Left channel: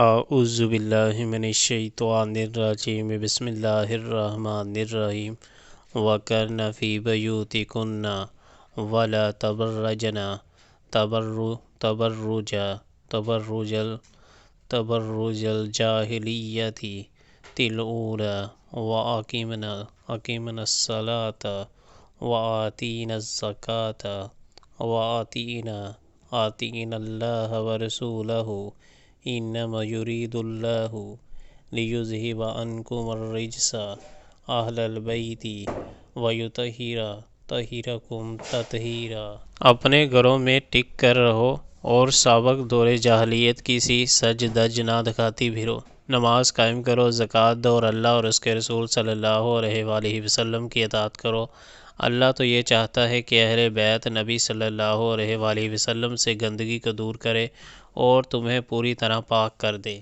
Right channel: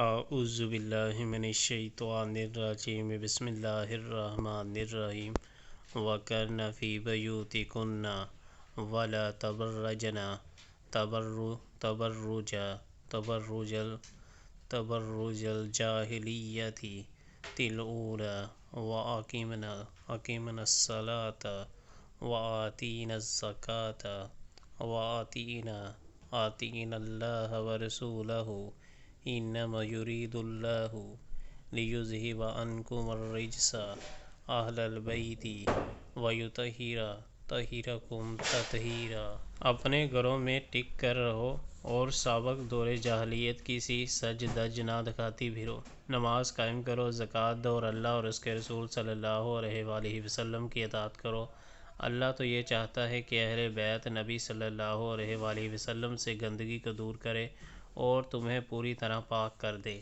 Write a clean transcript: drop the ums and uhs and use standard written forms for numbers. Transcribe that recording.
اعوذ باللہ من الشیطان الرجیم بسم اللہ الرحمن الرحیم وَقَرْنَ فِي بُيُوتِكُنَّ وَلَا تَبَرَّجْنَ تَبَرُّجَ الْجَاهِلِيَّةِ الْأُولَىٰ وَأَقِمْنَ الصَّلَاةَ وَآتِينَ الزَّكَاةَ وَأَطِعْنَ اللَّهَ وَرَسُولَهُ إِنَّمَا يُرِيدُ اللَّهُ لِيُذْهِبَ عَنكُمُ الرِّجْسَ أَهْلَ الْبَيْتِ وَيُطَہِّرَكُمْ تَطْہِیرًا۔ اپنے گھروں میں ٹک کر رہو اور سابق دور جاہلیت کی سی سج دج نہ دکھاتی پھرو۔ نماز قائم کرو، زکوٰۃ دو اور اللہ اور اس کے رسول صلی اللہ علیہ وآلہ وسلم کی اطاعت کرو۔ اللہ تو یہ چاہتا ہے کہ اہل بیت نبی صلی اللہ علیہ وآلہ وسلم سے گندگی کو دور کرے اور تمہیں پوری طرح پاک کر دے۔